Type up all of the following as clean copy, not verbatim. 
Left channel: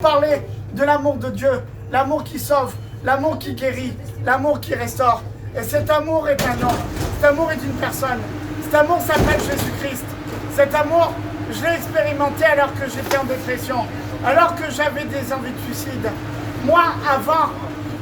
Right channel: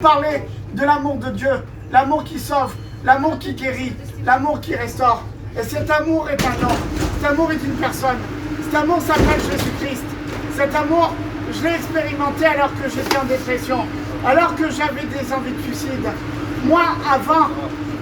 Parler de l'amour de Dieu, l'amour qui sauve, l'amour qui guérit, l'amour qui restaure. Et cet amour est un nom, cet amour est une personne, cet amour s'appelle Jésus-Christ. Cet amour, je l'ai expérimenté alors que j'étais en dépression, alors que j'avais des envies de suicide. Moi, avant,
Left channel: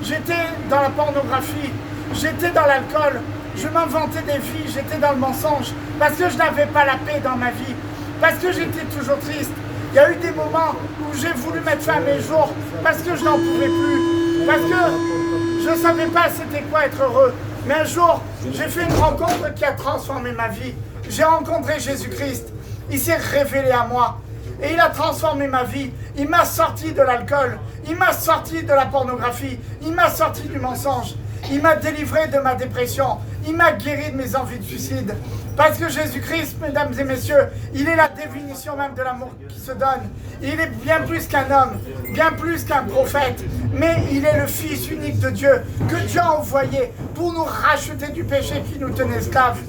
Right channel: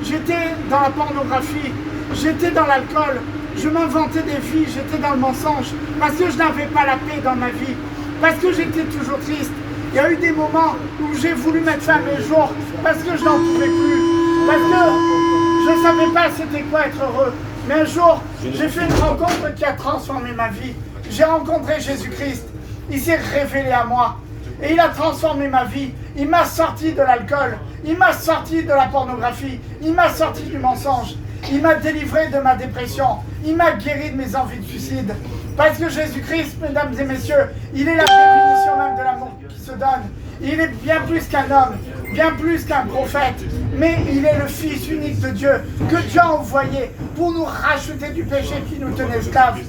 j'étais dans la pornographie, j'étais dans l'alcool, je m'inventais des vies, j'étais dans le mensonge, parce que je n'avais pas la paix dans ma vie, parce que j'étais toujours triste. Il y a eu des moments où j'ai voulu mettre fin à mes jours parce que je n'en pouvais plus, parce que je ne savais pas c'était quoi être heureux. Mais un jour, j'ai fait une rencontre qui a transformé ma vie. J'ai rencontré Jésus-Christ, il s'est révélé à moi et il a transformé ma vie. Il m'a sorti de l'alcool, il m'a sorti de la pornographie, il m'a sorti du mensonge, il m'a délivré de ma dépression, il m'a guéri de mes envies de suicide. Parce que Jésus-Christ, mesdames et messieurs, il est la définition même de l'amour qui se donne. Il est bien plus qu'un homme, bien plus qu'un prophète, mais il est le Fils unique de Dieu, que Dieu a envoyé pour nous racheter du péché qui nous tenait esclaves.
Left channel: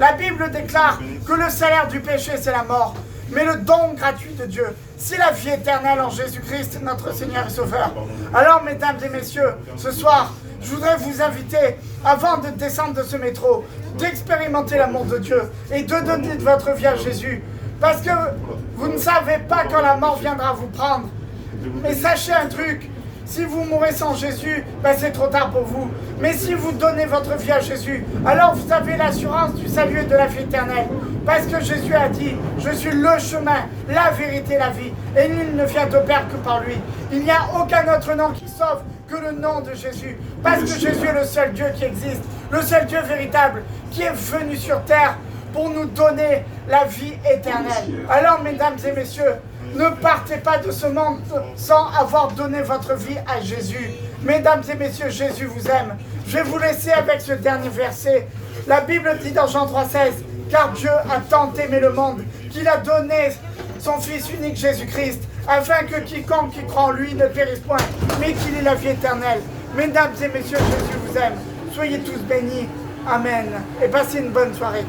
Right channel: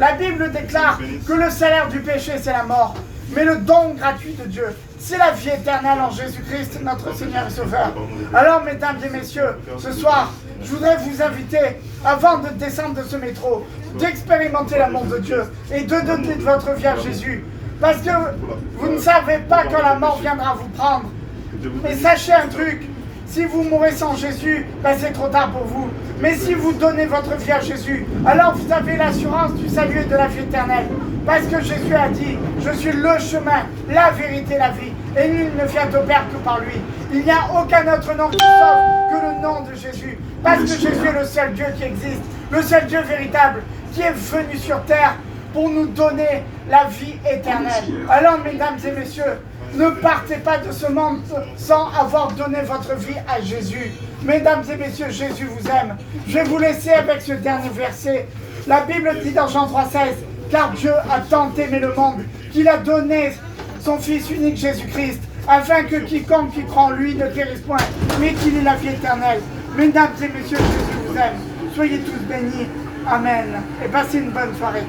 La Bible déclare que le salaire du péché, c'est la mort, mais le don gratuit de Dieu, c'est la vie éternelle en Jésus-Christ, notre Seigneur et Sauveur. Alors, mesdames et messieurs, ce soir, je voudrais vous inviter, avant de descendre de ce métro, d'expérimenter l'amour de Dieu et de donner de votre vie à Jésus. Parce que vous ne savez pas quand la mort viendra vous prendre. Mais sachez un truc, si vous mourrez sans Jésus, ben c'est trop tard pour vous. Mais si vous donnez votre vie à Jésus, alors vous avez l'assurance du salut et de la vie éternelle. Parce que Jésus a dit, je suis le chemin, la vérité et la vie. Et nul ne vient au Père que par lui. Il n'y a aucun autre nom qui sauve que le nom de Jésus. Parce que Jésus est le seul Dieu qui existe, le seul Dieu véritable, qui est venu sur terre pour nous donner la vie éternelle. Alors, mesdames et messieurs, ne partez pas de ce monde sans avoir donné votre vie à Jésus. Mesdames et messieurs, Jésus vous aime. Je vais vous laisser avec ce dernier verset. La Bible dit dans Jean 3,16, car Dieu a tant aimé le monde qu'il a donné son Fils unique Jésus-Christ, afin que quiconque qui croit en lui ne périsse point, mais qu'il ait la vie éternelle. Mesdames et messieurs, Jésus vous aime. Soyez tous bénis. Amen. Et passez une bonne soirée.